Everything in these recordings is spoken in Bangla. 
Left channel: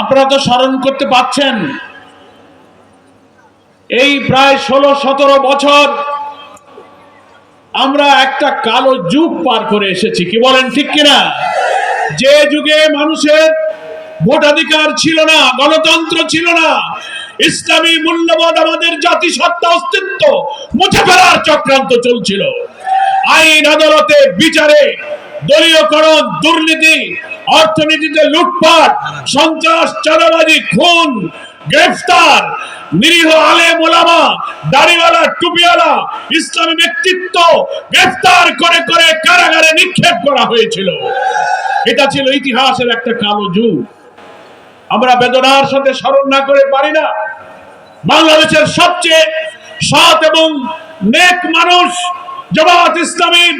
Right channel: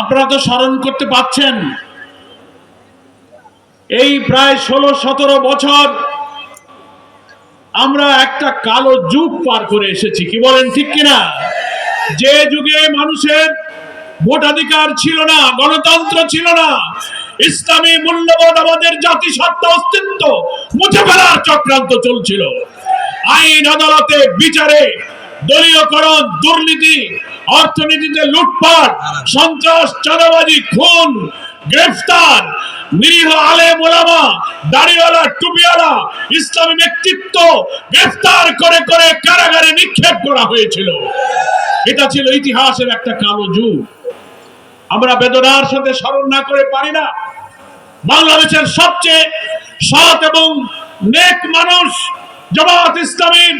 আপনারা তো স্মরণ করতে পারছেন, এই প্রায় 16-17 বছর আমরা একটা কালো যুগ পার করে এসেছি। কি বলেন, ঠিক কিনা? যে যুগে মানুষের ভোটাধিকার ছিল না, গণতন্ত্র ছিল না, ইসলামী মূল্যবোধ আমাদের জাতিসত্তা অস্তিত্ব মুছে ফেলার চক্রান্ত চলছিল। আইন আদালতে বিচারে দলীয়করণ, দুর্নীতি, অর্থনীতিতে লুটপাট, সন্ত্রাস, চাঁদাবাজি, খুন, গ্রেফতার, নিরীহ আলেম ওলামা, দাড়িওয়ালা, টুপিওয়ালা, ইসলামী ব্যক্তিত্ব গ্রেফতার করে করে কারাগারে নিক্ষেপ করা হয়েছিল। এটা ছিল ইতিহাসের একটা কালো যুগ। আমরা বেদনার সাথে স্মরণ না করে পারি না, বাংলাদেশের সবচেয়ে সৎ এবং নেক মানুষ জামাত ইসলামীর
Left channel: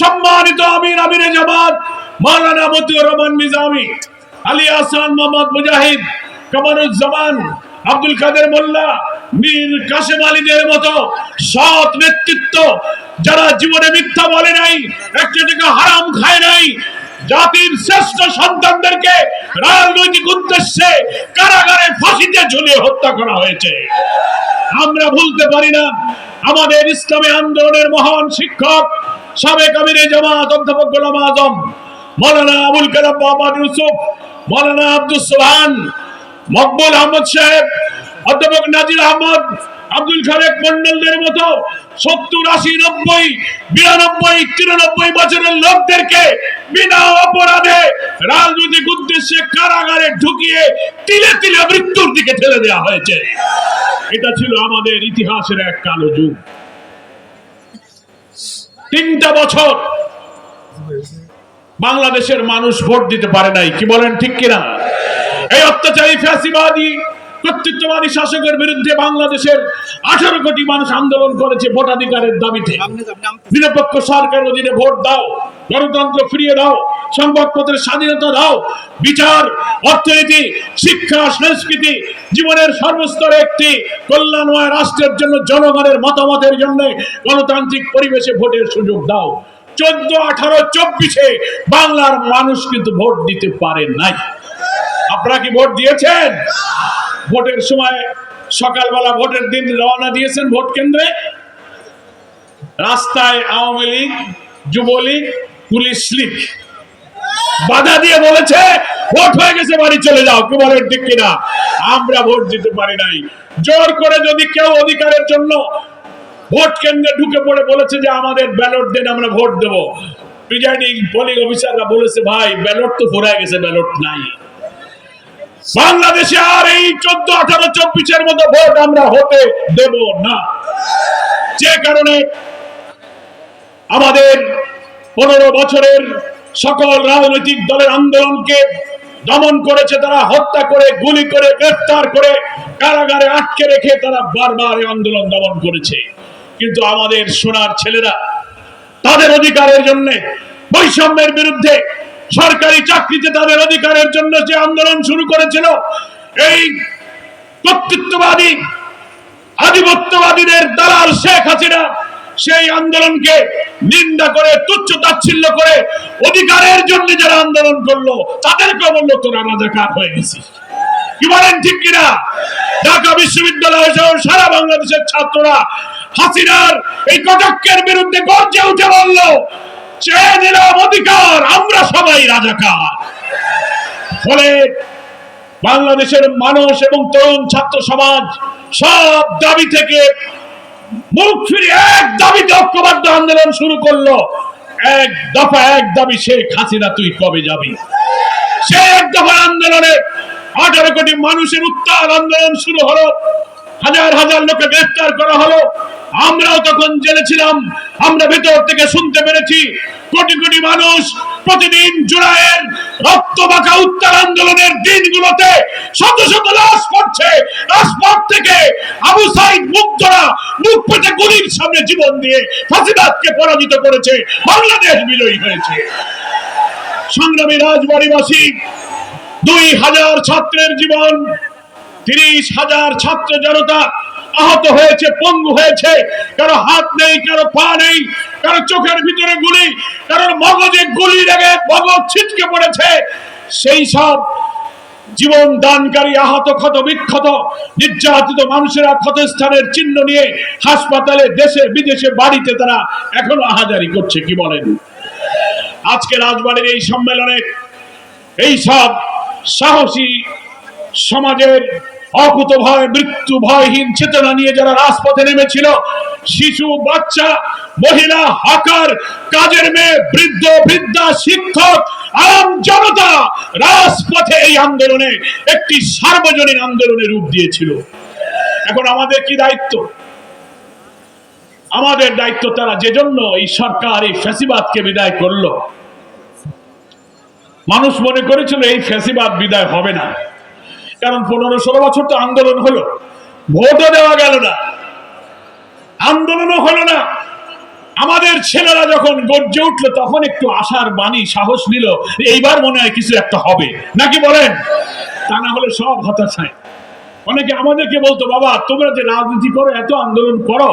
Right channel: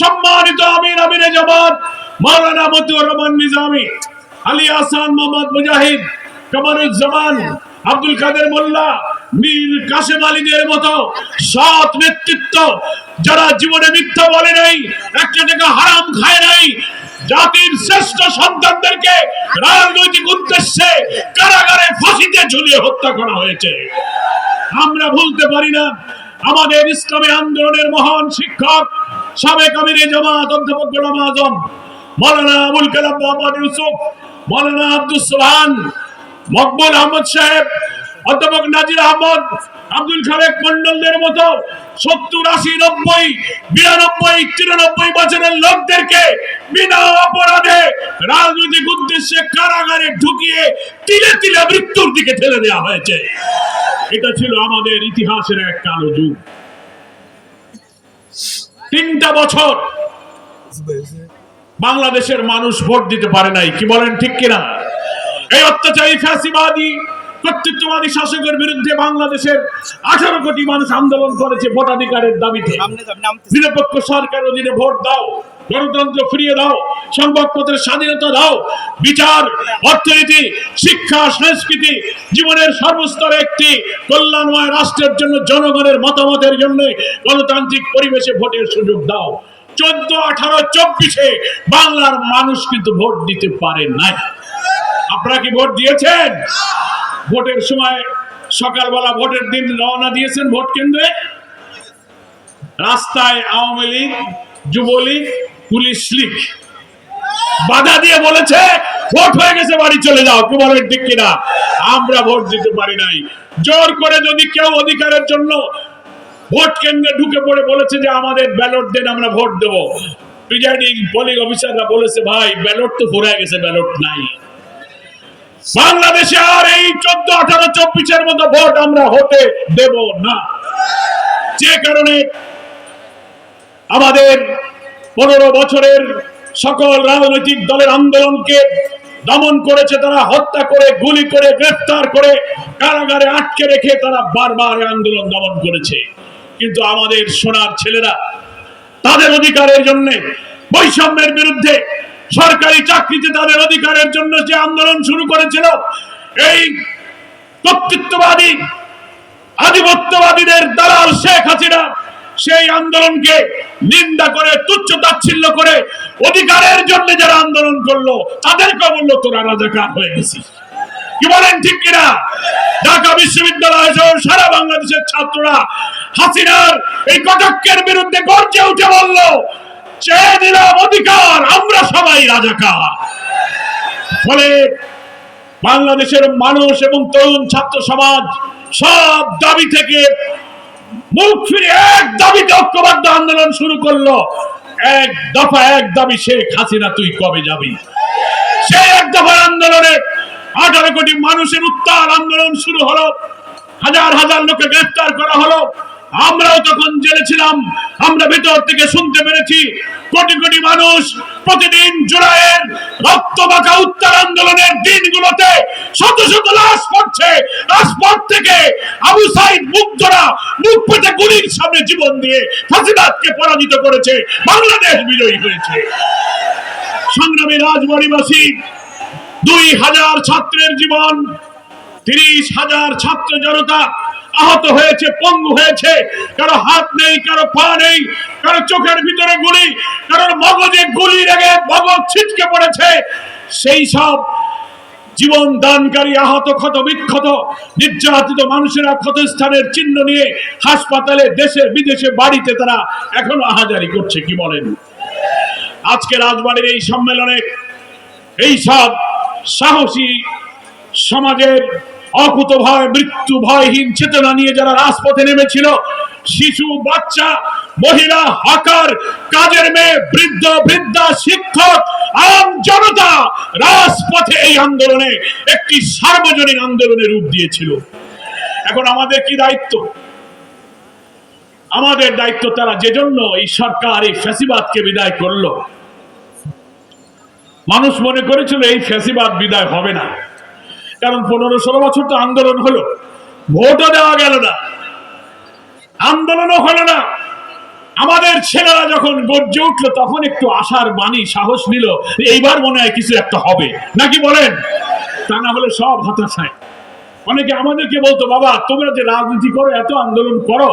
সম্মানিত আমিরে জামাত মাওলানা মতিউর রহমান নিজামী, আলী আহসান মোহাম্মদ মুজাহিদ, কামারুজ্জামান, আব্দুল কাদের মোল্লা, মীর কাসেম আলীদের মতো সৎ নেতৃত্ব, যারা জীবনে মিথ্যা বলে নাই, একটা টাকা হারাম খায় নাই, জাতির শ্রেষ্ঠ সন্তানদেরকে রাজনৈতিক উদ্দেশ্যে কারাগারে ফাঁসিতে ঝুলিয়ে হত্যা করা হয়েছে। আমরা ভুলতে পারি না আমাদের ইসলামী আন্দোলনের মহান শিক্ষক, সাবেক আমিরে জামাত অধ্যাপক গোলাম আজম মাওলানা আবুল কালাম মোহাম্মদ ইউসুফ, মাওলানা আব্দুস সোবহান, মকবুল আহমদ সাহেব, অধ্যাপক নাজির আহমদ, আব্দুল খালেক মন্ডলদের মতো 70, 80, 90, 92, 93 বছরের লোকদেরকে বিনা অপরাধে রাজনৈতিক উদ্দেশ্যে কারাগারে ঢুকিয়ে তিলে তিলে মৃত্যুর দিকে ঠেলে দেওয়া হয়েছে। এটা ছিল আমাদের ইতিহাসের এক কালো যুগ। 3টা বছর বাংলাদেশের মানুষ ভোট দিতে পারে নাই। কি বলেন, ঠিক কিনা? এই অত্যাচারী ফ্যাসিবাদী কর্তৃত্ববাদী শাসকের বিরুদ্ধে বাংলাদেশের 18 কোটি মানুষ আন্দোলন করেছে ভোটাধিকারের দাবিতে। নিরপেক্ষ সরকার অধীনে ভোট দাও, গণতন্ত্র ফিরিয়ে দাও, সংবাদপত্রের স্বাধীনতা দাও, বিচার, অর্থনীতি, শিক্ষা, সংস্কৃতি, জীবনের সর্বস্তরে একটি কল্যাণময় রাষ্ট্রের জন্য জনগণের মতামতের জন্য গণতান্ত্রিক পরিবেশে ভোটের সুযোগ দাও। 14, 18, 24-এ বাংলার মানুষ কিন্তু ভোট দিতে পারে নাই। আপনারা কি ভোট দিয়েছেন? ভোটের সময় সকালবেলা ভোটের দিন রওনা দিয়েছেন ভোট কেন্দ্রে, রাস্তায় আওয়ামী লীগ, যুবলীগ, পুলিশ লীগ বাধা দিয়ে বলেছে ভোট হয়ে গেছে, বাড়ি চলে যাও। কি বলেন, ঠিক কিনা? আমরা ভোট দিতে পারি নাই। জোর করে যদি কেউ অধিকারের জন্য ভোট কেন্দ্রে ঢুকে পড়ে বলেছে যে আমাদের ব্যালট দেন, আমরা ভোট দেব, প্রিজাইডিং পোলিং অফিসাররা বলেছে ভাই ব্যালট তো ফুরায় গেছে, ব্যালট নাই। বাংলাদেশে আর এই 14, 18, 24-এর মতো ভোট আমরা হতে দেব না। যে কারণে আমাদের 15 বছরের সকল রাজনৈতিক দলের আন্দোলনকে দমন করেছে তারা, হত্যা করে, গুলি করে, গ্রেফতার করে, কারাগারে আটকে রেখে তারা বারবার আন্দোলন দমন করেছে। কিন্তু আমাদের সোনার ছেলেরা তাদের অধিকারের জন্য, বৈষম্যের বিরুদ্ধে, সরকারি চাকরিতে তাদের অধিকারের জন্য যে আন্দোলন শুরু করেছিল, এই কর্তৃত্ববাদী আধিপত্যবাদীদের দালাল শেখ হাসিনা সেই আন্দোলনকে নিন্দা করে, তুচ্ছ তাচ্ছিল্য করে, অধিকারের জন্য যারা আন্দোলন করলো তাদেরকে বললো তোরা রাজাকার হয়ে গেছিস। কি বলেন, ঠিক কিনা? ঢাকা বিশ্ববিদ্যালয় সহ সারা বাংলাদেশের ছাত্ররা হাসিনার এই কটাক্ষের বিরুদ্ধে গর্জে উঠে বলল চেয়ে নিলাম অধিকার, আমরা সবাই রাজাকার। ফলে বাংলাদেশের মানুষ এবং তরুণ ছাত্র সমাজ সব দাবি থেকে মুখ ফিরে এক দাবিতে ঐক্যবদ্ধ আন্দোলন শুরু করলো। এক দফা, এক দাবি, শেখ হাসিনা তুই কবে যাবি? সে এক দফা আন্দোলনে 18 কোটি মানুষের উত্তাল আন্দোলন শুরু হলো, হাজার হাজার লোকে গ্রেফতার করা হলো। আমরাও তখন জেলে ছিলাম, আমরা ভেতর থেকে শুনতে পেরেছি কোটি কোটি মানুষ প্রতিদিন জুলাইয়ের রক্তমাখা উত্তাল আন্দোলনের দিনগুলোতে শত শত লাশ পড়ছে, রাজপথ থেকে আবু সাইদ মুগ্ধরা মুখ পেটে গুলির সামনে জীবন দিয়ে ফাঁসিবাদকে পরাজিত করেছে, বাংলাদেশ বিজয়ী হয়েছে। সংগ্রামী রাজবাড়িবাসী, 2000 ছাত্রের জীবন, 30,000 ছাত্র জনতা আহত হয়েছে, পঙ্গু হয়েছে, কারো হাত নেই, কারো পা নেই, কারো চোখের ভিতরে গুলি, কারো মগজে গুলি লেগে মগজ ছিটকে পড়েছে। সেই সব জীবন দানকারী আহত ক্ষত বিক্ষত নির্যাতিত মানুষেরা ক্ষতস্থানের চিহ্ন নিয়ে হাসপাতালে দেশে বিদেশে বাড়িতে তারা এখনো আহাজারি করছে। কি বলেন? আজকে রাজবাড়ির এই সম্মেলনে এই সব সাহসী সমাজের অকুত ভয় মৃত্যু ভয়হীন চেতনা নিয়ে যারা রাজপথে নেমেছিল, শিশু বাচ্চা মহিলা হকার কাজের মেয়ে বৃদ্ধ বৃদ্ধা শিক্ষক আম জনতা রাজপথে এই আন্দোলনে একটি সার্বজনীন আন্দোলনের রূপ দিয়েছিল। এখন আমাদের কি দায়িত্ব? আমাদের দায়িত্ব তারা যে জন্য এই সরকার এই ফ্যাসিবাদকে বিদায় করলো, মানুষ মনে করেছিল এই ফ্যাসিবাদ বিদায় হবে না, কারণ 15-16 বছর তো আন্দোলন হলো, ভোটও দেওয়া গেল না, আন্দোলনও হলো না। আমাদের ছেলেরা যখন গর্জে উঠলো তখন একটু আশার বাণী সাহস নিল, এইবার মনে হয় কিছু একটা হবে, নাকি বলেন? তা না হলে সব হতাশায়। অনেকে আমাদেরকে বলতো, বাবা তোমরা যে রাজনীতি করো এত আন্দোলন করো,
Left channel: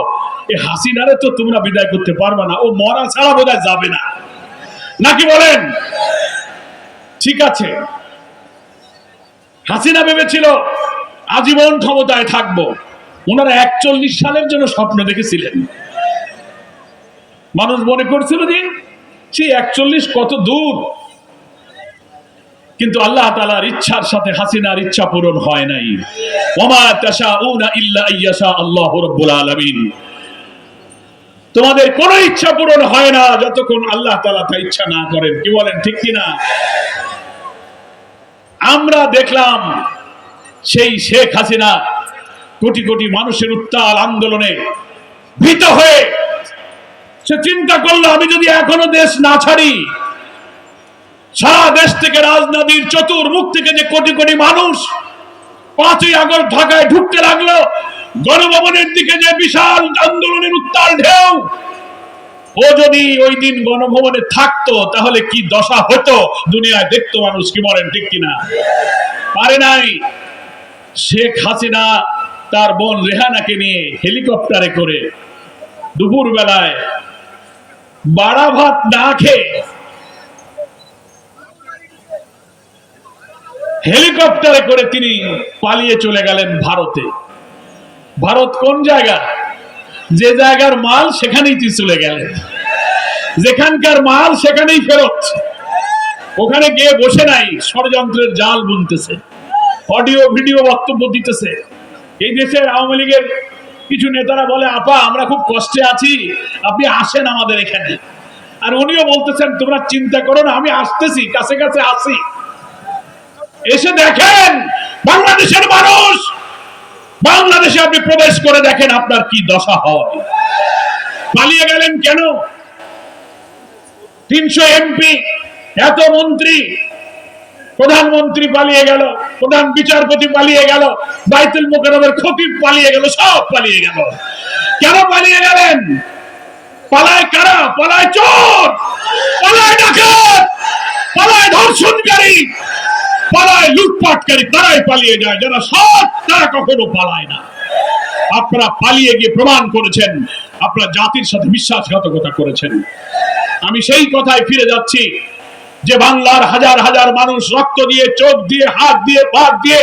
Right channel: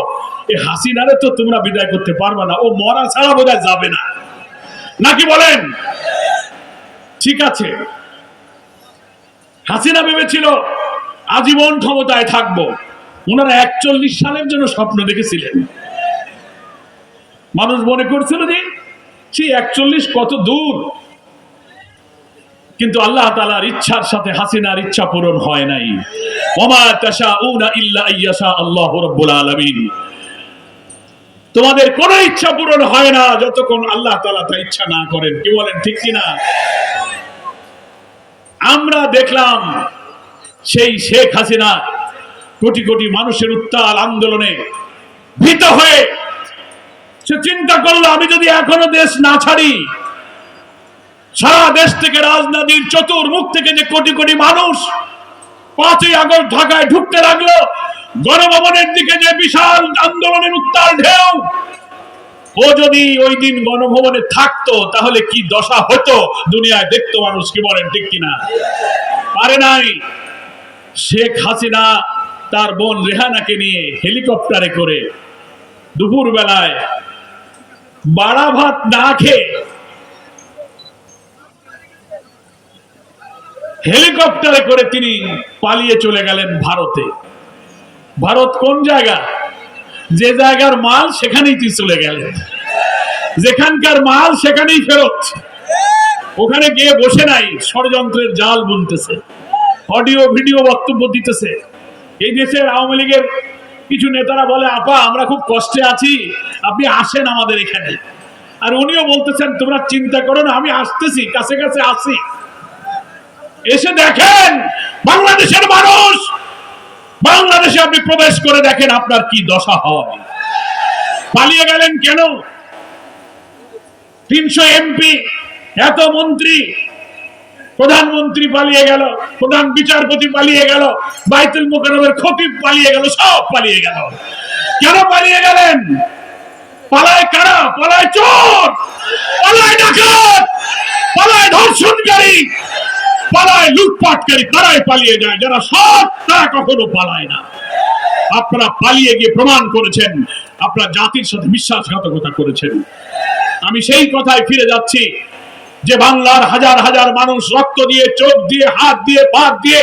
এই হাসিনারে তো তোমরা বিদায় করতে পারবে না, ও মরা ছাড়া বোধহয় যাবে না, নাকি বলেন? ঠিক আছে, হাসিনা ভেবেছিল আজীবন ক্ষমতায় থাকবো, ওনারা 41 সালের জন্য স্বপ্ন দেখেছিলেন। মানুষ মনে করছিল যে সেই 41 কত দূর, কিন্তু আল্লাহ তাআলার ইচ্ছার সাথে হাসিনার ইচ্ছা পূরণ হয় নাই। ওমা তাশাউনা ইল্লা আইয়াশা আল্লাহু রাব্বুল আলামিন। তোমাদের কোনো ইচ্ছা পূরণ হয় না যতক্ষণ আল্লাহ তাআলা তা ইচ্ছা না করেন। কি বলেন, ঠিক কিনা? আমরা দেখলাম সেই শেখ হাসিনা কোটি কোটি মানুষের উত্তাল আন্দোলনে ভীত হয়ে সে চিন্তা করলো, আমি যদি এখনো দেশ না ছাড়ি, সারা দেশ থেকে রাজনীতির চতুর্মুখ থেকে যে কোটি কোটি মানুষ 5ই আগস্ট ঢাকায় ঢুকতে লাগলো, গণভবনের দিকে যে বিশাল আন্দোলনের উত্তাল ঢেউ, ও যদি ওই দিন গণভবনে থাকতো তাহলে কি দশা হতো দুনিয়ায় দেখতো মানুষ। কি বলেন, ঠিক কিনা? পারে নাই। শেখ হাসিনা তার বোন রেহানাকে নিয়ে হেলিকপ্টারে করে দুপুর বেলায় বাড়া ভাত না খেয়ে হেলিকপ্টারে করে তিনি পালিয়ে চলে গেলেন ভারতে। ভারত কোন জায়গা? যে জায়গার মাল সেখানেই তিনি চলে গেলেন, যেখানকার মাল সেখানেই ফেরত। ওখানে গিয়ে বসে নাই, ষড়যন্ত্রের জাল বুনতেছে, অডিও ভিডিও বক্তব্য দিতেছে। এই দেশের আওয়ামী লীগের কিছু নেতারা বলে, আপা আমরা খুব কষ্টে আছি, আপনি আসেন আমাদের এখানে। আর উনিও বলতেছেন, তোমরা চিন্তা করো না, আমি আসতেছি, কাছে কাছে আসি। এসে দেখেন বাংলাদেশের মানুষ, বাংলাদেশে আপনি প্রবেশ করে দেখেন আপনার কি দশা হয়। পালিয়ে গেলেন কেন? 300 এমপি, এত মন্ত্রী, প্রধানমন্ত্রী পালিয়ে গেল, প্রধান বিচারপতি পালিয়ে গেল, বাইতুল মুকাররমের খতিব পালিয়ে গেল, সব পালিয়ে গেল। কেন পালিয়ে গেলেন? পালায় কারা? পালায় চোর, পালায় ডাকাত, পালায় ধর্ষণকারী, পালায় লুটপাটকারী। তারাই পালিয়ে যায়, যারা সৎ তারা কখনো পালায় না। আপনারা পালিয়ে গিয়ে প্রমাণ করেছেন আপনারা জাতির সাথে বিশ্বাসঘাতকতা করেছেন। আমি সেই কথায় ফিরে যাচ্ছি যে বাংলার হাজার হাজার মানুষ রক্ত দিয়ে, চোখ দিয়ে, হাত দিয়ে, পা দিয়ে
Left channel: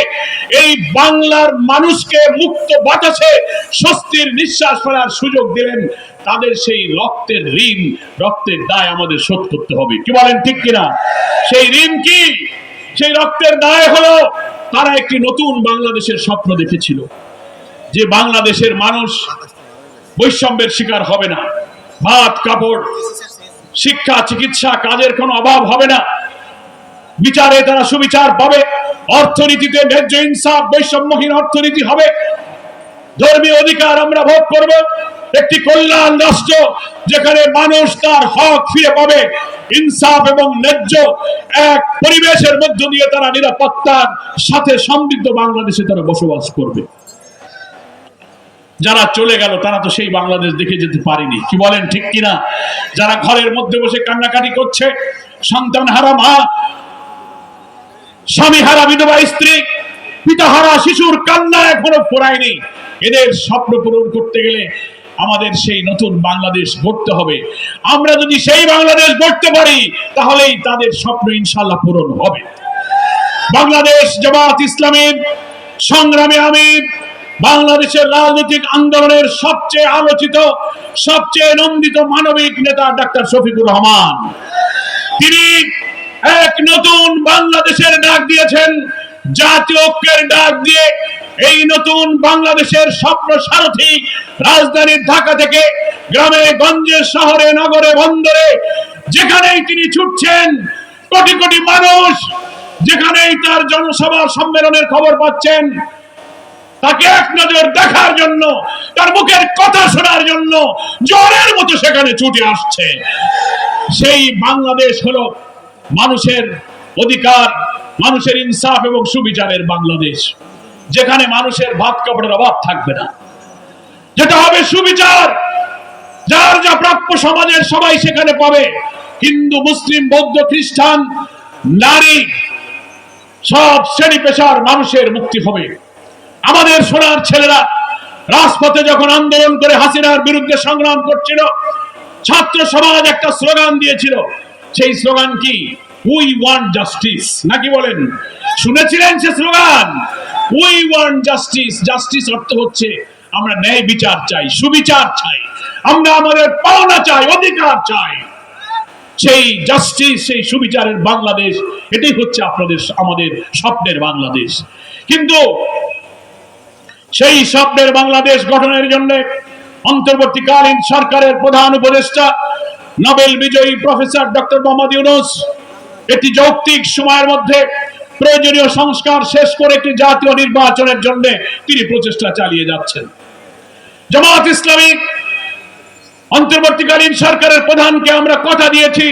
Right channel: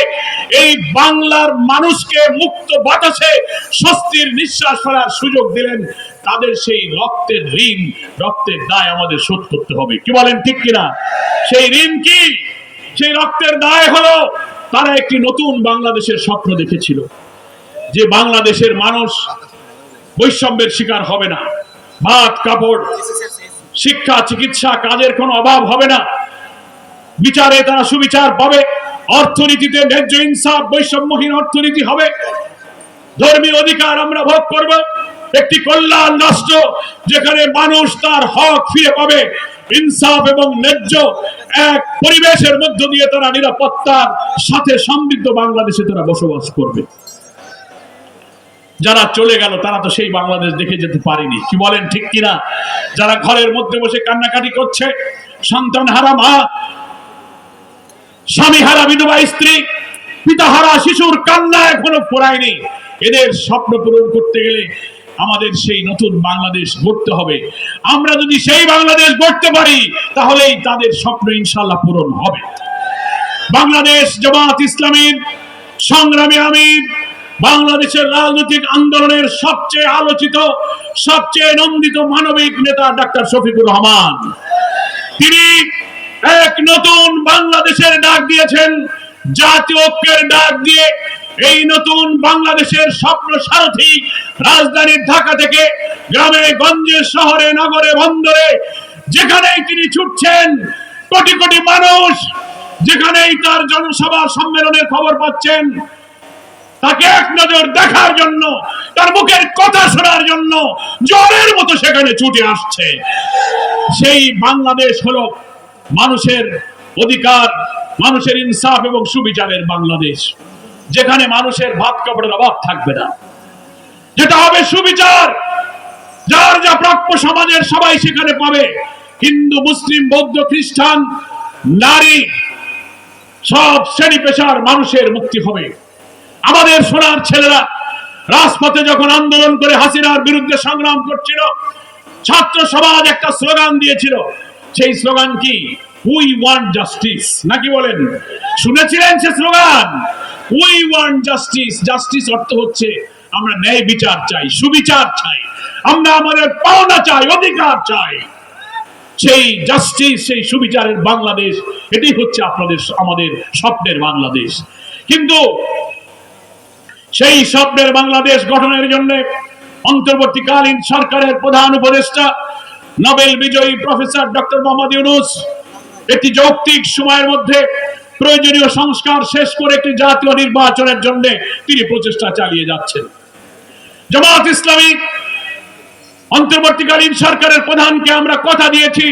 এই বাংলার মানুষকে মুক্ত বাতাসে স্বস্তির নিঃশ্বাস ফেলার সুযোগ দিলেন। তাদের সেই রক্তের ঋণ, রক্তের দায় আমাদের শোধ করতে হবে। কি বলেন, ঠিক কিনা? সেই ঋণ কি? সেই রক্তের দায় হলো তারা একটি নতুন বাংলাদেশের স্বপ্ন দেখেছিল, যে বাংলাদেশের মানুষ বৈষম্যের শিকার হবে না, ভাত কাপড় শিক্ষা চিকিৎসা কাজের কোনো অভাব হবে না, বিচারে তারা সুবিচার পাবে, অর্থনীতিতে ন্যায্য ইনসাফ বৈষম্যহীন অর্থনীতি হবে, ধর্মীয় অধিকার আমরা ভোগ করব, একটি কল্যাণ রাষ্ট্র যেখানে মানুষ তার হক ফিরে পাবে, ইনসাফ এবং ন্যায্য এক পরিবেশের মধ্য দিয়ে তারা নিরাপত্তার সাথে সমৃদ্ধ বাংলাদেশে তারা বসবাস করবে। যারা চলে গেল তারা তো সেই বাংলাদেশ দেখে যেতে পারেনি। কি বলেন, ঠিক কিনা? যারা ঘরের মধ্যে বসে কান্নাকাটি করছে, সন্তান হারা মা, স্বামী হারা বিধবা স্ত্রী, পিতা হারা শিশুর কান্না এখনো ফুরায়নি, এদের স্বপ্ন পূরণ করতে গেলে আমাদের সেই নতুন বাংলাদেশ গড়তে হবে। আমরা যদি সেই বাংলাদেশ গড়তে পারি তাহলেই তাদের স্বপ্ন ইনশাআল্লাহ পূরণ হবে। বাংলাদেশ জামাত ইসলামীর সংগ্রামে আমি বাংলাদেশের রাজনৈতিক আন্দোলনের সবচেয়ে আলোচিত, সবচেয়ে নন্দিত মানবিক নেতা ডাক্তার শফিকুর রহমান। তিনি এক নতুন বাংলাদেশের ডাক দিয়েছেন, জাতীয় ঐক্যের ডাক দিয়ে এই নতুন বাংলাদেশের স্বপ্ন সারথি রাজধানী ঢাকা থেকে গ্রামে গঞ্জে শহরে নগরে বন্দরে যেখানেই তিনি ছুটছেন, কোটি কোটি মানুষ যেখানেই তার জনসভা সম্মেলনের খবর পাচ্ছেন, তাকে এক নজর দেখার জন্য, তার মুখের কথা শোনার জন্য জ্বরের মতো সেখানে ছুটে আসছে। সেই বাংলাদেশ হলো মানুষের অধিকার, মানুষের ইনসাফ এবং সুবিচারের বাংলাদেশ, যেখানে মানুষের ভাত কাপড়ের অভাব থাকবে না, যেটা হবে সুবিচার, যার যা প্রাপ্য সমাজের সবাই সেখানে পাবে। হিন্দু, মুসলিম, বৌদ্ধ, খ্রিস্টান, নারী, সব শ্রেণী পেশার মানুষের মুক্তি হবে। আমাদের সোনার ছেলেরা রাজপথে যখন আন্দোলন করে হাসিনার বিরুদ্ধে সংগ্রাম করছিল, ছাত্র সমাজ একটা স্লোগান দিয়েছিল। সেই স্লোগান কি? উই ওয়ান্ট জাস্টিস, নাকি বলেন? শুনেছিলেন সে slogan? We want justice. Justice অর্থ হচ্ছে আমরা ন্যায় বিচার চাই, সুবিচার চাই, আমরা আমাদের পাওনা চাই, অধিকার চাই। সেই জাস্টিস, সেই সুবিচারের বাংলাদেশ, এটাই হচ্ছে আপনাদের আমাদের স্বপ্নের বাংলাদেশ। কিন্তু সেই স্বপ্নের বাংলাদেশ গঠনের জন্য অন্তর্বর্তীকালীন সরকারের প্রধান উপদেষ্টা নোবেল বিজয়ী প্রফেসর ডক্টর মোহাম্মদ ইউনূস একটি যৌক্তিক সময়ের মধ্যে প্রয়োজনীয় সংস্কার শেষ করে একটি জাতীয় নির্বাচনের জন্য তিনি প্রচেষ্টা চালিয়ে যাচ্ছেন। জামাত ইসলামী অন্তর্বর্তীকালীন সরকারের প্রধানকে আমরা কথা দিয়েছি,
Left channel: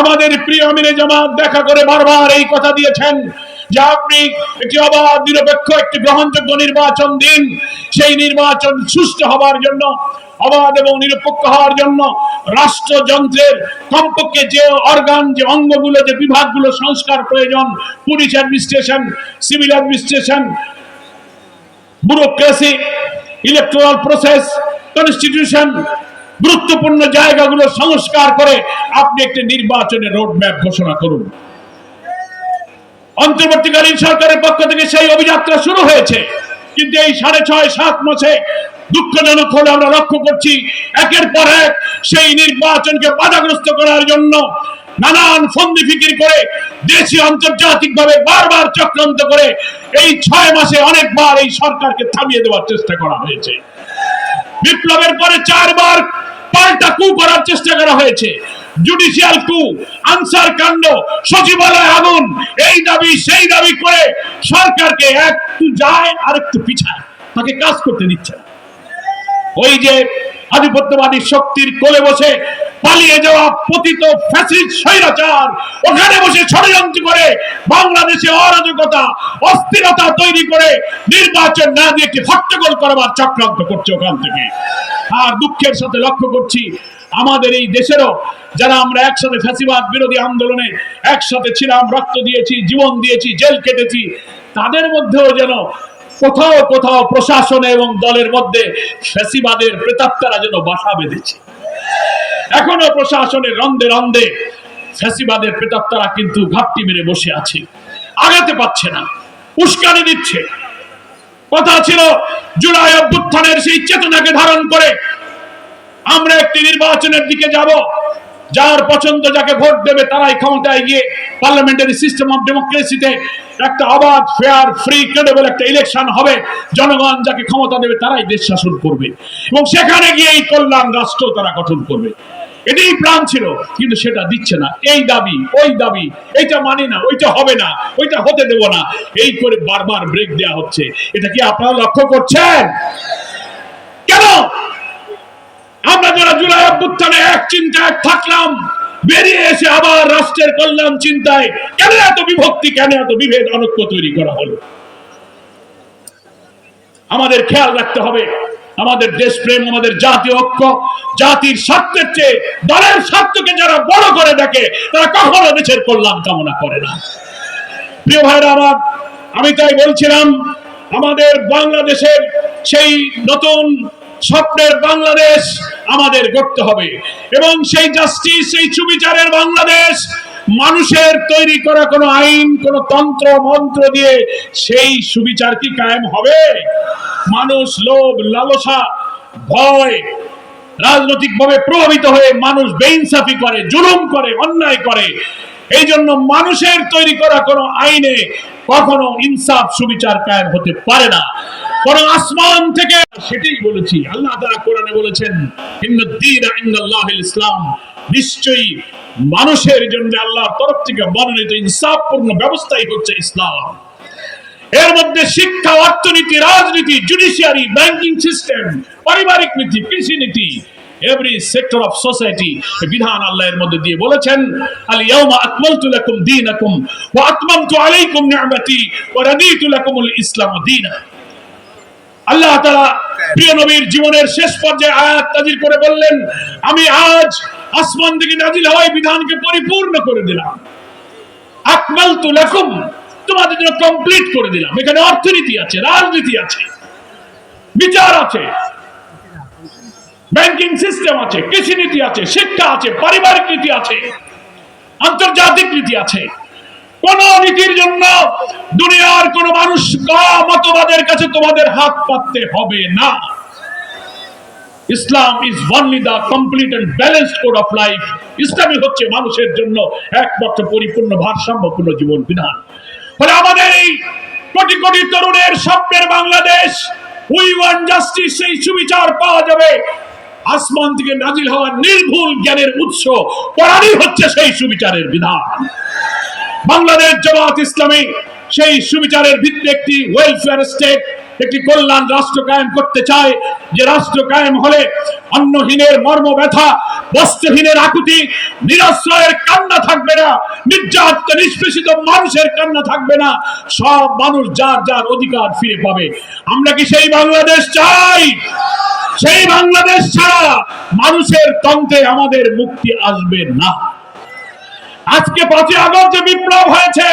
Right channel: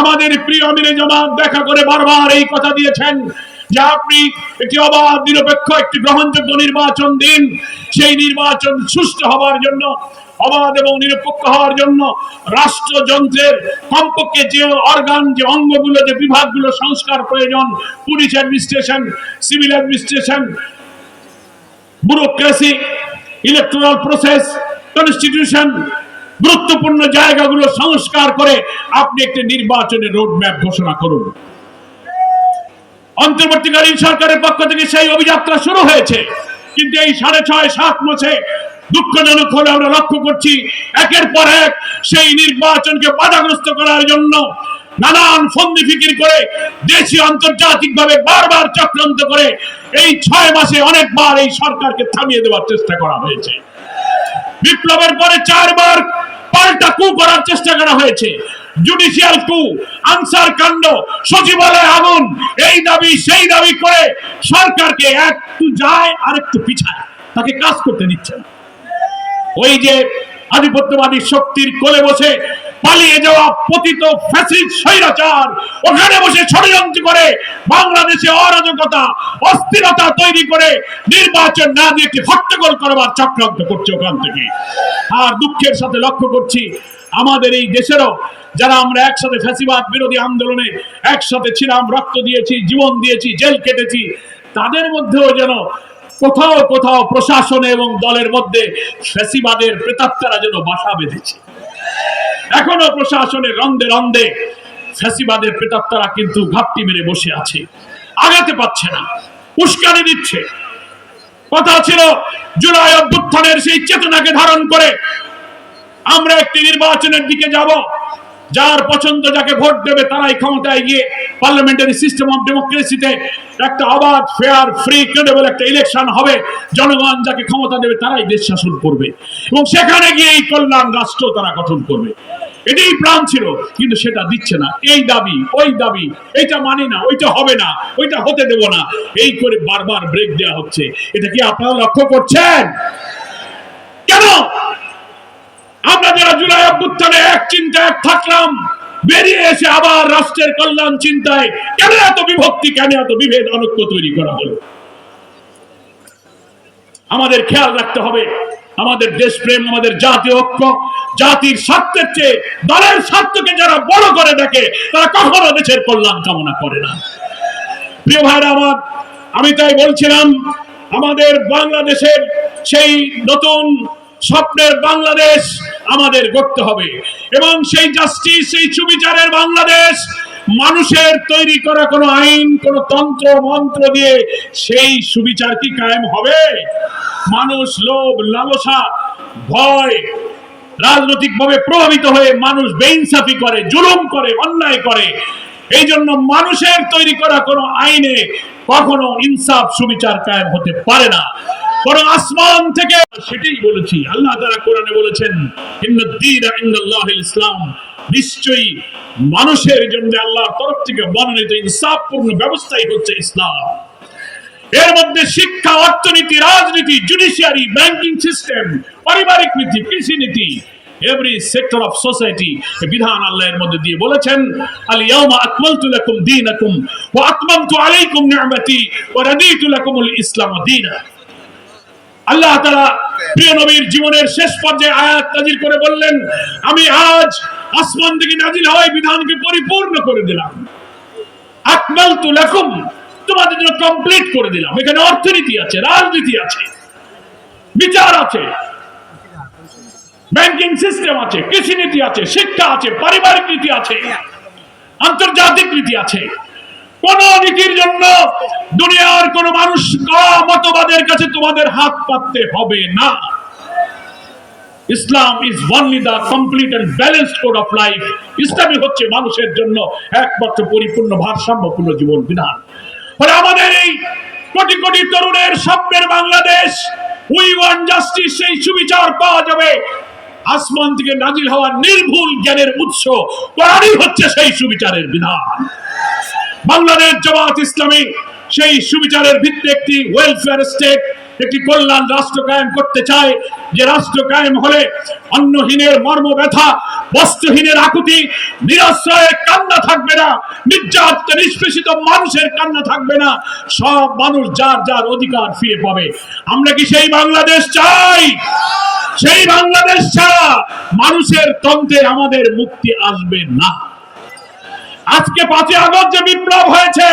আমাদের প্রিয় আমিরে জামাত দেখা করে বারবার এই কথা দিয়েছেন যে আপনি একটি অবাধ, নিরপেক্ষ, একটি গ্রহণযোগ্য নির্বাচন দিন। সেই নির্বাচন সুষ্ঠু হওয়ার জন্য, অবাধ এবং নিরপেক্ষ হওয়ার জন্য রাষ্ট্রযন্ত্রের কমপক্ষে যে অর্গান, যে অঙ্গগুলো, যে বিভাগগুলো সংস্কার প্রয়োজন, police administration, civil administration, bureaucracy, electoral process, constitution, গুরুত্বপূর্ণ জায়গাগুলো সংস্কার করে আপনি একটি নির্বাচনের রোডম্যাপ ঘোষণা করুন। অন্তর্বর্তীকালীন সরকারের পক্ষ থেকে সেই অভিযাত্রা শুরু হয়েছে, কিন্তু এই 6.5-7 মাসে দুঃখজনক হলে আমরা লক্ষ্য করছি একের পর এক সেই নির্বাচনকে বাধাগ্রস্ত করার জন্য নানান ফন্দি ফিকির করে দেশি আন্তর্জাতিক ভাবে বারবার চক্রান্ত করে এই 6 মাসে অনেকবার এই সরকারকে থামিয়ে দেওয়ার চেষ্টা করা হয়েছে। বিপ্লবের পরে 4 বার পাল্টা কু করার চেষ্টা করা হয়েছে। জুডিশিয়াল কু, আনসার কাণ্ড, সচিবালয় আগুন, এই দাবি সেই দাবি করে সরকারকে একটু যায় আর একটু পিছায়, তাকে কাজ করতে দিচ্ছে না। ওই যে আধিপত্যবাদী শক্তির কোলে বসে পালিয়ে যাওয়া পতিত ফ্যাসিস্ট স্বৈরাচার ওখানে বসে ষড়যন্ত্র করে বাংলাদেশে অরাজকতা, অস্থিরতা তৈরি করে নির্বাচন না দিয়ে একটি হট্টগোল করবার চক্রান্ত করছে ওখান থেকে। আর দুঃখের সাথে লক্ষ্য করছি আমাদের এই দেশেরও যারা আমরা একসাথে ফ্যাসিবাদ বিরোধী আন্দোলনে একসাথে ছিলাম, রক্ত দিয়েছি, জীবন দিয়েছি, জেল কেটেছি, তাদের মধ্যেও যেন কোথাও কোথাও প্রশাসন এবং দলের মধ্যে ফ্যাসিবাদের প্রেতাত্মারা যেন বাসা বেঁধেছে। এখনো প্রশাসনের রন্ধে রন্ধে ফ্যাসিবাদের প্রেতাত্মারা কিন্তু ঘাপটি মেরে বসে আছে, আগাতে পারছে না, উস্কানি দিচ্ছে। কথা ছিল জুলাই অভ্যুত্থানের সেই চেতনাকে ধারণ করে আমরা একটি নির্বাচনের দিকে যাব, যার পছন্দ, যাকে ভোট দেবে তারাই ক্ষমতায় গিয়ে পার্লামেন্টারি সিস্টেম অফ ডেমোক্রেসিতে একটা অবাধ, ফেয়ার, ফ্রি, ক্রেডিবল একটা ইলেকশন হবে, জনগণ যাকে ক্ষমতা দেবে তারাই দেশ শাসন করবে এবং সেখানে গিয়ে এই কল্যাণ রাষ্ট্র তারা গঠন করবে। এটাই প্ল্যান ছিল, কিন্তু সেটা দিচ্ছে না। এই দাবি, ওই দাবি, এইটা মানি না, ওইটা হবে না, ওইটা হতে দেব না, এই করে বারবার ব্রেক দেওয়া হচ্ছে। এটা কি আপনারা লক্ষ্য করছেন? কেন আমরা যারা জুলাই অভ্যুত্থানে এক চিন্তায় এক থাকলাম, বেরিয়ে এসে আবার রাষ্ট্রের কল্যাণ চিন্তায় কেন এত বিভক্তি, কেন এত বিভেদ, অনৈক্য তৈরি করা হলো? আমাদের খেয়াল রাখতে হবে আমাদের দেশপ্রেম, আমাদের জাতীয় ঐক্য, জাতির স্বার্থের চেয়ে দলের স্বার্থকে যারা বড় করে দেখে তারা কখনো দেশের কল্যাণ কামনা করে না। প্রিয় ভাইরা আমার, আমি তাই বলছিলাম আমাদের বাংলাদেশের সেই নতুন স্বপ্নের বাংলাদেশ আমাদের গড়তে হবে এবং সেই জাস্টিস, সেই সুবিচারের বাংলাদেশ মানুষের তৈরি করা কোনো আইন, কোনো তন্ত্র মন্ত্র দিয়ে সেই সুবিচার কি কায়েম হবে? মানুষ লোভ, লালসা, ভয়, রাজনৈতিকভাবে প্রভাবিত হয়ে মানুষ বেইনসাফি করে, জুলুম করে, অন্যায় করে। এই জন্য মানুষের তৈরি করা কোনো আইনে কখনো ইনসাফ, সুবিচার কায়েম হতে পারে না। বরং আসমান থেকে, সেটাই বলেছি, আল্লাহ তাআলা কোরআনে বলেছেন, ইন্নাদ-দীনা ইনদাল্লাহিল ইসলাম, নিশ্চয়ই মানুষের জন্য আল্লাহর তরফ থেকে মনোনীত ইনসাফপূর্ণ ব্যবস্থাই হচ্ছে ইসলাম। এর মধ্যে শিক্ষা, অর্থনীতি, রাজনীতি, জুডিশিয়ারি, ব্যাংকিং সিস্টেম, পারিবারিক নীতি, কৃষি নীতি, এভরি সেক্টর অফ সোসাইটি বিধান আল্লাহ এর মধ্যে দিয়ে বলেছেন, আল ইয়াউমা আকমালতু লাকুম দীনাকুম ওয়া আতমামতু আলাইকুম নি'মাতি ওয়া রাদিতু লাকুমুল ইসলাম দীনা। আল্লাহ তাআলা প্রিয় নবীর জীবনের শেষ পর্যায়ে আয়াত নাযিল করে বললেন, আমি আজ আসমান থেকে নাযিল হওয়া বিধানকে পরিপূর্ণ করে দিলাম। আকমালতু লাকুম, তোমাদের জন্য কমপ্লিট করে দিলাম। এখানে অর্থনীতি আছে, রাজনীতি আছে, বিচার আছে, ব্যাংকিং সিস্টেম আছে, কৃষি নীতি আছে, শিক্ষা আছে, পারিবারিক নীতি আছে, আন্তর্জাতিক নীতি আছে। কোন নীতির জন্য দুনিয়ার কোন মানুষ মতবাদের কাছে তোমাদের হাত পাততে হবে না। Islam is only the complete and balanced code of life. ইসলামই হচ্ছে মানুষের জন্য একমাত্র পরিপূর্ণ ভারসাম্যপূর্ণ জীবন বিধান। ফলে আমাদের এই কোটি কোটি তরুণের স্বপ্নের বাংলাদেশ, উই ওয়ান্ট জাস্টিস, সেই সুবিচার পাওয়া যাবে আসমান থেকে নাজিল হওয়া নির্ভুল জ্ঞানের উৎস কোরআনই হচ্ছে সেই সুবিচারের বিধান। বাংলাদেশ জামাত ইসলামী সেই সুবিচারের ভিত্তিতে একটি ওয়েলফেয়ার স্টেট, একটি কল্যাণ রাষ্ট্র কায়েম করতে চায়, যে রাষ্ট্র কায়েম হলে অন্নহীনের মর্ম ব্যথা, বস্ত্রহীনের আকুতি, নিরাশ্রয়ের কান্না থাকবে না, নির্যাতিত নিষ্পেষিত মানুষের কান্না থাকবে না, সব মানুষ যার যার অধিকার ফিরে পাবে। আমরা কি সেই বাংলাদেশ চাই? সেই বাংলাদেশ ছাড়া মানুষের তন্ত্রে আমাদের মুক্তি আসবে না। আজকে 5ই আগস্ট যে বিপ্লব হয়েছে,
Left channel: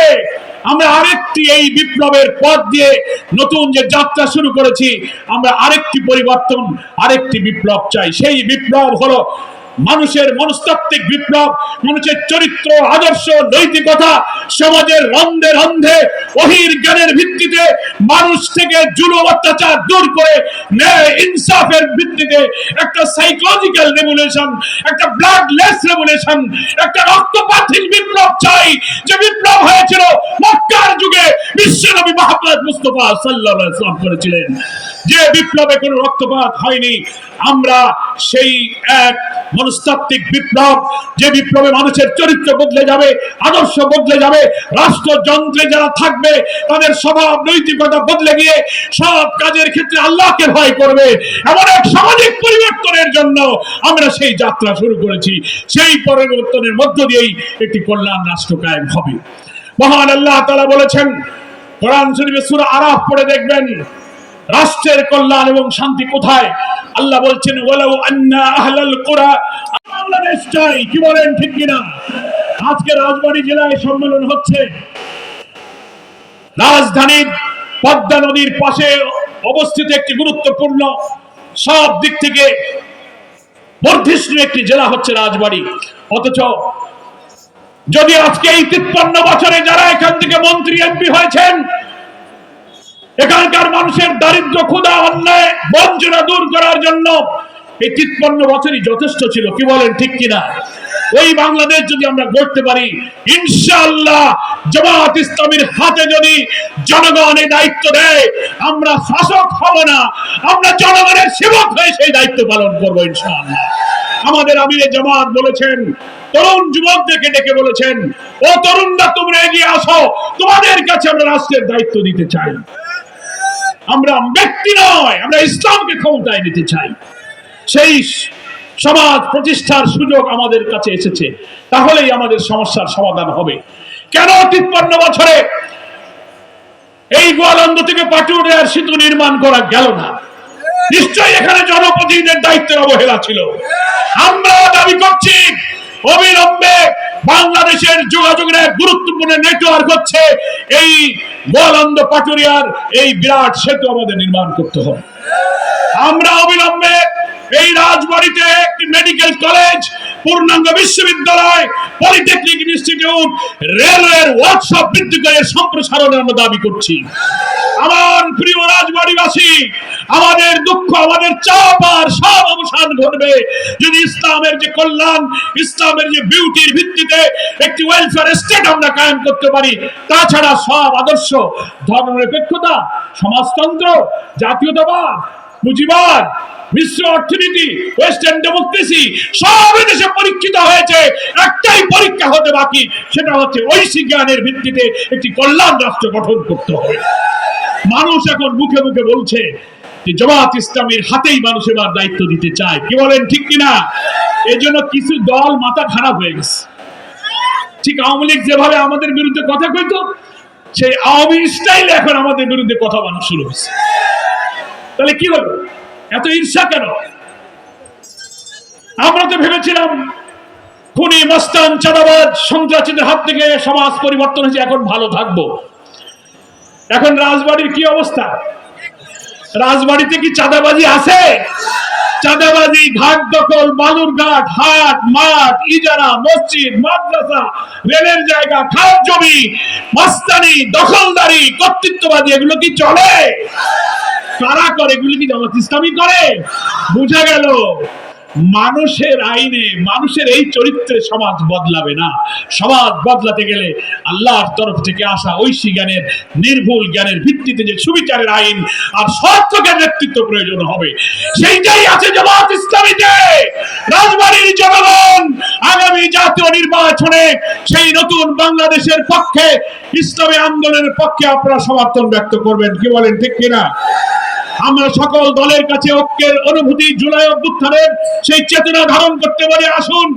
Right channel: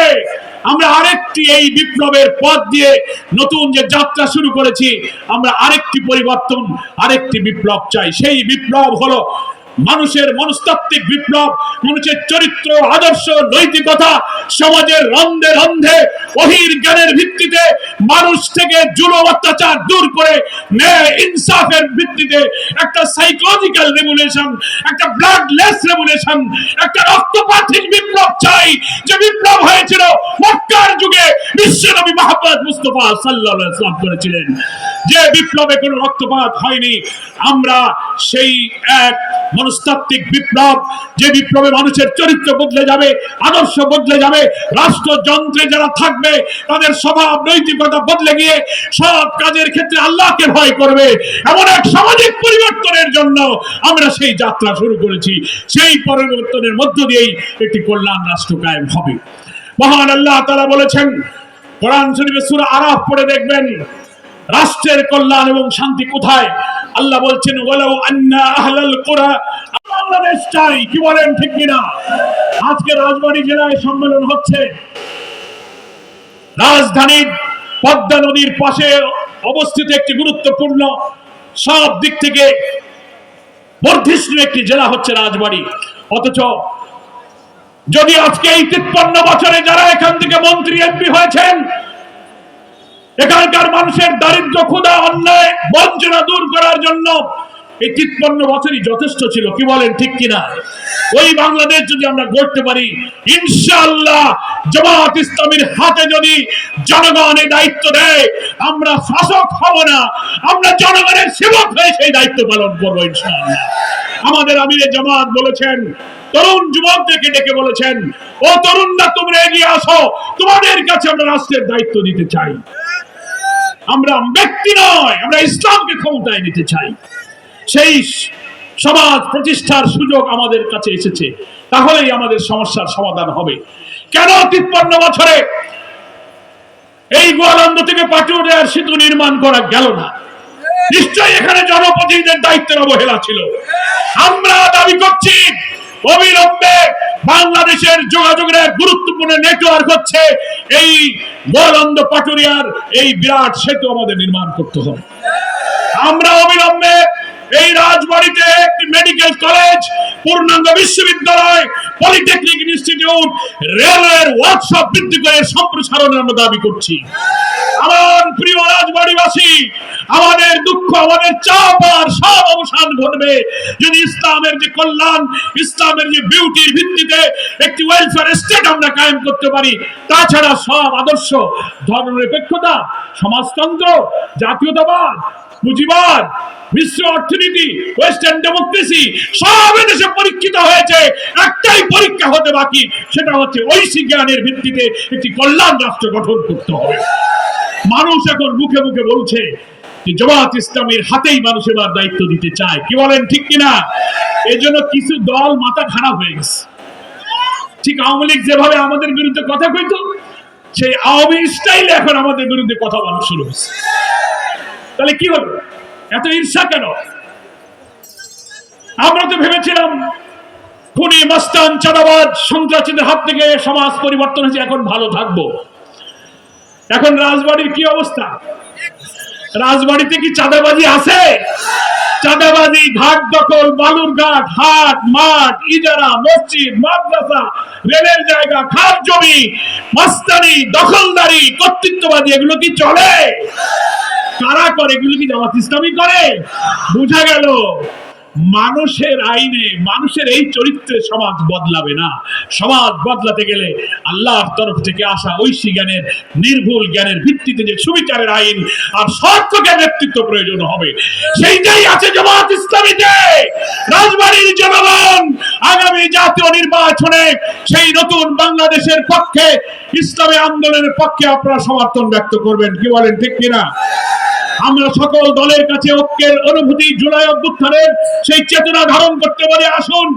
আমরা আরেকটি এই বিপ্লবের পথ দিয়ে নতুন যে যাত্রা শুরু করেছি, আমরা আরেকটি পরিবর্তন, আরেকটি বিপ্লব চাই। সেই বিপ্লব হলো মানুষের মনস্তাত্ত্বিক বিপ্লব, মানুষের চরিত্র, আদর্শ, নৈতিকতা, সমাজের রন্ধে রন্ধে ওহীর জ্ঞানের ভিত্তিতে মানুষ থেকে জুলুম অত্যাচার দূর করে ন্যায় ইনসাফের ভিত্তিতে একটা সাইকোলজিক্যাল রেভলিউশন, একটা ব্লাডলেস রেভলিউশন, একটা রক্তপাতহীন বিপ্লব চাই, যে বিপ্লব হয়েছিল মক্কার যুগে বিশ্বনবী মুহাম্মদ মুস্তাফা সাল্লাল্লাহু আলাইহি ওয়াসাল্লাম করেছিলেন। যে বিপ্লবে কোনো রক্তপাত হয়নি, আমরা সেই এক মনস্তাত্ত্বিক বিপ্লব, যে বিপ্লবে মানুষের চরিত্র বদলে যাবে, আদর্শ বদলে যাবে, রাষ্ট্রযন্ত্রে যারা থাকবে তাদের স্বভাব নৈতিকতা বদলে গিয়ে সব কাজের ক্ষেত্রে আল্লাহকে ভয় করবে, এমন এক সামাজিক পরিবর্তনের জন্য আমরা সেই যাত্রা শুরু করেছি। সেই পরিবর্তনের মধ্য দিয়েই একটি কল্যাণ রাষ্ট্র কায়েম হবে। মহান আল্লাহ তাআলা বলেছেন, কোরআন শরীফে সূরা আরাফ পড়ে দেখবেন রাষ্ট্রের কল্যাণ এবং শান্তি কোথায়। আল্লাহ বলছেন, ওয়ালাউ আন্না আহলাল কুরা, বাংলাদেশ চাই। কি বলেন, ঠিক কিনা? আজকে রাজবাড়ী জেলায় সম্মেলন হচ্ছে। রাজধানীর পদ্মা নদীর পাশে অবস্থিত একটি গুরুত্বপূর্ণ, সব দিক থেকে বর্ধিষ্ণু একটি জেলা হচ্ছে রাজবাড়ী। অথচ যদি আজকে এই 53 বছরে যারা এখান থেকে মন্ত্রী, এমপি হয়েছেন, এখানকার মানুষের দারিদ্র, ক্ষুধা, অন্যায়, বঞ্চনা দূর করার জন্য এই 53 বছরই যথেষ্ট ছিল। কি বলেন, ঠিক কিনা? ওই বাংলাদেশ যদি আমরা গড়তে পারি, ইনশাআল্লাহ জামাত ইসলামীর হাতে যদি জনগণ এই দায়িত্ব দেয়, আমরা শাসক হব না, আমরা জনগণের সেবক হয়ে সেই দায়িত্ব পালন করবো ইনশাআল্লাহ। আমাদের আমিরে জামাত বলেছেন, তরুণ যুবকদেরকে ডেকে বলেছেন, ও তরুণরা, তোমরা এগিয়ে আসো, তোমাদের কাছে আমরা রাষ্ট্রের দায়িত্ব দিতে চাই। আমরা ব্যক্তি নয়, আমরা ইসলামকে ক্ষমতায় নিতে চাই। সেই সমাজ প্রতিষ্ঠার সুযোগ আমাদের কাছে এসেছে, তাহলেই আমাদের সমস্যার সমাধান হবে। কেন 53 বছরে এই গোয়ালন্দ থেকে পাটুরিয়ার সেতু নির্মাণ করা গেল না? নিশ্চয়ই এখানে জনপ্রতিনিধিদের দায়িত্বের অবহেলা ছিল। আমরা দাবি করছি, অবিলম্বে বাংলাদেশের যোগাযোগের এক গুরুত্বপূর্ণ নেটওয়ার্ক হচ্ছে এই গোয়ালন্দ পাটুরিয়ার এই বিরাট সেতু আমাদের নির্মাণ করতে হবে। আমরা অবিলম্বে এই রাজবাড়িতে একটি মেডিকেল কলেজ, পূর্ণাঙ্গ বিশ্ববিদ্যালয়, পলিটেকনিক ইনস্টিটিউট, রেলওয়ের ওয়ার্কশপ বৃদ্ধি করে সম্প্রসারণের আমরা দাবি করছি। আমার প্রিয় রাজবাড়িবাসী, আমাদের দুঃখ, আমাদের চাপ আর সব অবসান ঘটবে যদি ইসলামের যে কল্যাণ, ইসলামের যে বিউটির ভিত্তিতে একটি ওয়েলফেয়ার স্টেট আমরা কায়েম করতে পারি। তাছাড়া সব আদর্শ, ধর্মনিরপেক্ষতা, সমাজতন্ত্র, জাতীয়তাবাদ, পুঁজিবাদ, বিশ্ব অর্থনীতি, ওয়েস্টার্ন ডেমোক্রেসি সব দেশে পরীক্ষিত হয়েছে। একটাই পরীক্ষা হতে বাকি, সেটা হচ্ছে ঐশী জ্ঞানের ভিত্তিতে একটি কল্যাণ রাষ্ট্র গঠন করতে হবে। মানুষ এখন মুখে মুখে বলছে যে জামাত ইসলামের হাতেই মানুষ এবার দায়িত্ব দিতে চায়। কি বলেন, ঠিক কিনা? এই জন্য কিছু দল মাথা খারাপ হয়ে গেছে। ঠিক আওয়ামী লীগ যেভাবে আমাদের বিরুদ্ধে কথা কইতো, সেই আওয়ামী স্টাইলে এখন আমাদের বিরুদ্ধে কথা বলা শুরু হয়েছে। তাহলে কি হলো? এত ঈর্ষা কেন? আমরা তো ভেবেছিলাম খুনি, মস্তান, চাঁদাবাজ, সন্ত্রাসীদের হাত থেকে সমাজ পরিবর্তন হয়েছে, এখন ভালো থাকবো। এখন রাজবাড়ির কি অবস্থা? রাজবাড়িতে কি চাঁদাবাজি আছে? চাঁদাবাজি, ঘাট দখল, বালুরঘাট, হাট, মাঠ, ইজারা, মসজিদ, মাদ্রাসা, রেলের জায়গা, খাস জমি, মস্তানি, দখলদারি, কর্তৃত্ববাদী, এগুলো কি চলে? কারা করে? এগুলো কি জামাত ইসলামী করে? বুঝা গেল মানুষের আইনে, মানুষের এই চরিত্রে সমাজ বদলাবে না। সমাজ বদলাতে গেলে আল্লাহর তরফ থেকে আসা ঐশী জ্ঞানের, নির্ভুল জ্ঞানের ভিত্তিতে যে সুবিচারের আইন আর সত্যকের নেতৃত্ব প্রয়োজন হবে। সেইটাই আছে জামাত ইসলামীতে। রাজবাড়ির জনগণ আগামী জাতীয় নির্বাচনে সেই নতুন বাংলাদেশের পক্ষে, ইসলামী আন্দোলনের পক্ষে আপনারা সমর্থন ব্যক্ত করবেন। কি বলেন, ঠিক কিনা? আমরা সকল দলের কাছে ঐক্যের অনুভূতি, জুলাই অভ্যুত্থানের সেই চেতনা ধারণ করতে পারি। আসুন,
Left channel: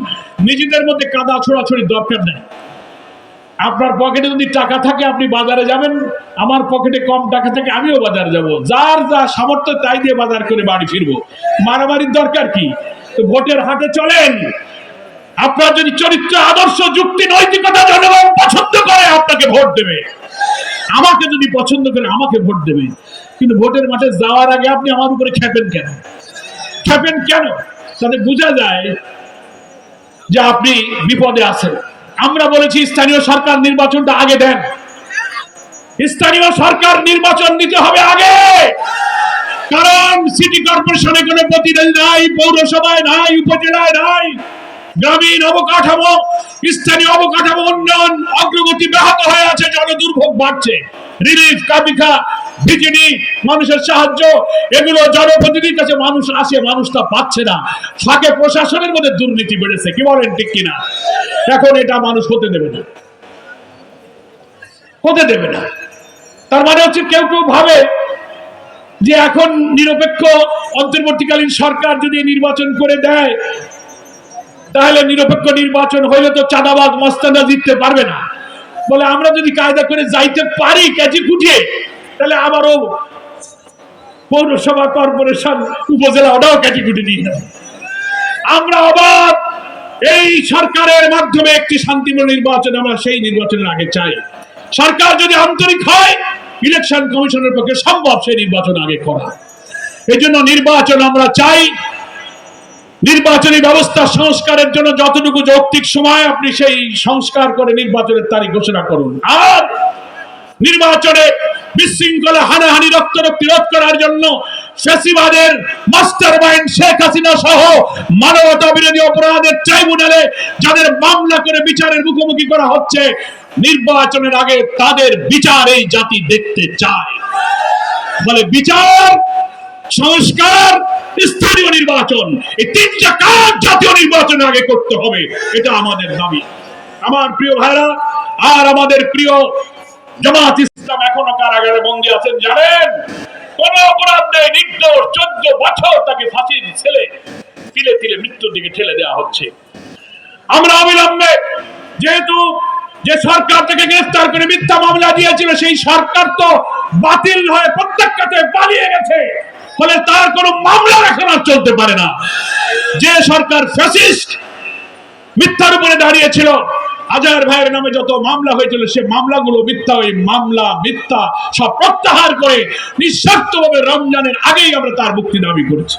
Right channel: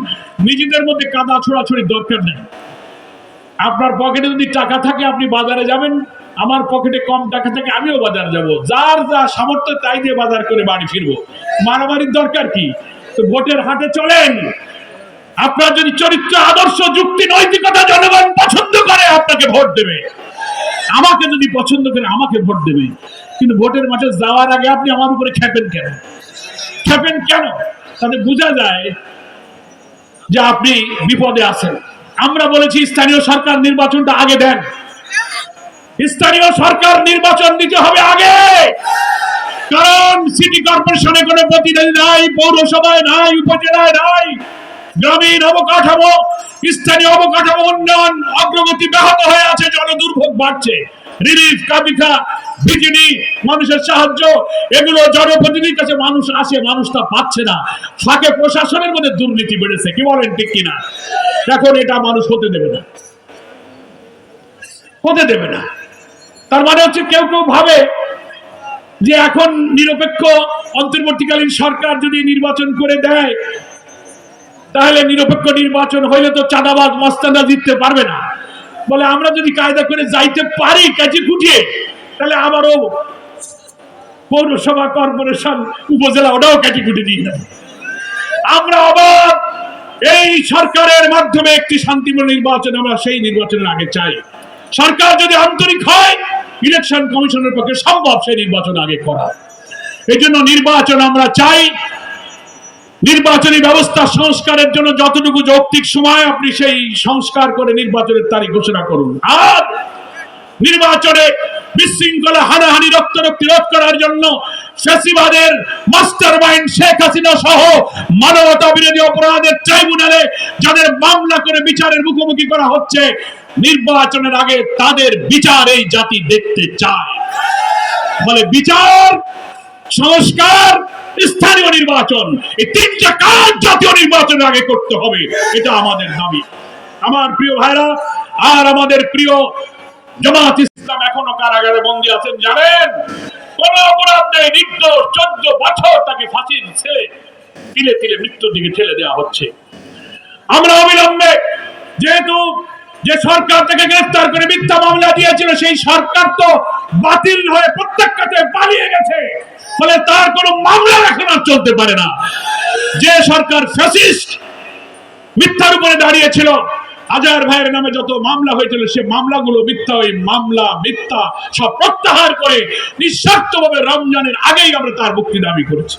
নিজেদের মধ্যে কাদা ছোড়াছড়ির দরকার নেই। আপনার পকেটে যদি টাকা থাকে আপনি বাজারে যাবেন, আমার পকেটে কম টাকা থাকে আমিও বাজারে যাব। যার যা সামর্থ্য তাই দিয়ে বাজার করে বাড়ি ফিরবো। মারামারির দরকার কি? তো ভোটের হাটে চলেন। আপনার যদি চরিত্র, আদর্শ, যুক্তি, নৈতিকতা জনগণ পছন্দ করে আপনাকে ভোট দেবে। আমাকে যদি পছন্দ করে আমাকে ভোট দেবে। কিন্তু ভোটের মাঠে যাওয়ার আগে আপনি আমার উপরে খেপেন কেন? খেপেন কেন? তাতে বোঝা যায় যে আপনি বিপদে আছেন। আমরা বলেছি স্থানীয় সরকার নির্বাচনটা আগে দেন। স্থানীয় সরকার নির্বাচন দিতে হবে আগে, কারণ সিটি কর্পোরেশনে কোনো প্রতিনিধি নাই, পৌরসভায় নাই, উপজেলায় নাই। গ্রামীণ অবকাঠামো, স্থানীয় অবকাঠামো উন্নয়ন অগ্রগতি ব্যাহত হয়ে আছে, জনদুর্ভোগ বাড়ছে। রিলিফ, কাবিখা, বিকিনি, মানুষের সাহায্য, এগুলো জনপ্রতিনিধির কাছে মানুষ আসে, মানুষ তা পাচ্ছে না। ফাঁকে প্রশাসনের মধ্যে দুর্নীতি বেড়েছে। কি বলেন, ঠিক কিনা? এখন এটা মানুষ হতে দেবে না, হতে দেবে না। তার মানে হচ্ছে কেউ কেউ ভাবে যে এখন নিরপেক্ষ অন্তর্বর্তীকালীন সরকার যদি নির্বাচন করে দেয়, তাহলে নিরপেক্ষ নির্বাচন হইলে তো চাঁদাবাজ, মস্তানরা জিততে পারবে না। বলে আমরা যদি কায়দা করে যাইতে পারি কাজে কুটিয়ে, তাহলে আবারও পৌরসভা, কর্পোরেশন, উপজেলা ওটাও কাটিকুটি দিয়ে দেব। আমরা আবার এই সরকারের মাধ্যমে একটি শান্তিপূর্ণ নির্বাচন, আমরা সেই নির্বাচনের আগে চাই। সরকার যদি আন্তরিক হয়, ইলেকশন কমিশনের পক্ষে সম্ভব সেই নির্বাচন আগে করা। এই জন্য নির্বাচন আমরা চাই। নির্বাচনী ব্যবস্থা সংস্কারের জন্য যতটুকু যৌক্তিক সময়, আপনি সেই সংস্কার করে নির্বাচনের তারিখ ঘোষণা করুন। আর নির্বাচনে বিশৃঙ্খলা, হানাহানি, রক্তারক্তি রোধ করার জন্য ফ্যাসিবাদের মাস্টার মাইন্ড শেখ হাসিনা সহ মানবতা বিরোধী অপরাধের ট্রাইব্যুনালে যাদের মামলা করে বিচারের মুখোমুখি করা হচ্ছে, নির্বাচনের আগে তাদের বিচার এই জাতি দেখতে চায়। বলে বিচার, সংস্কার, স্থানীয় নির্বাচন, এই তিনটা কাজ জাতীয় নির্বাচনের আগে করতে হবে। এটা আমাদের দাবি। আমার প্রিয় ভাইরা, আর আমাদের প্রিয় জামাত ইসলাম এখনো কারাগারে বন্দী আছেন। জানেন, কোন অপরাধ নেই, নির্দোষ, 14 বছর তাকে ফাঁসির ছেলে তিলে তিলে মৃত্যুর দিকে ঠেলে দেওয়া হচ্ছে। আমরা অবিলম্বে, যেহেতু যে সরকার থেকে গ্রেফতার করে মিথ্যা মামলা দিয়েছিল, সেই সরকার তো বাতিল হয়ে প্রত্যক্ষতে পালিয়ে গেছে, ফলে তার কোনো মামলা এখন আর চলতে পারে না। যে সরকার ফ্যাসিস্ট, মিথ্যার উপরে দাঁড়িয়েছিল, আজহার ভাইয়ের নামে যত মামলা হয়েছিল, সে মামলাগুলো মিথ্যা, ওই মামলা মিথ্যা সব প্রত্যাহার করে নিঃস্বার্থভাবে রমজানের আগেই আমরা তার মুক্তি দাবি করেছি।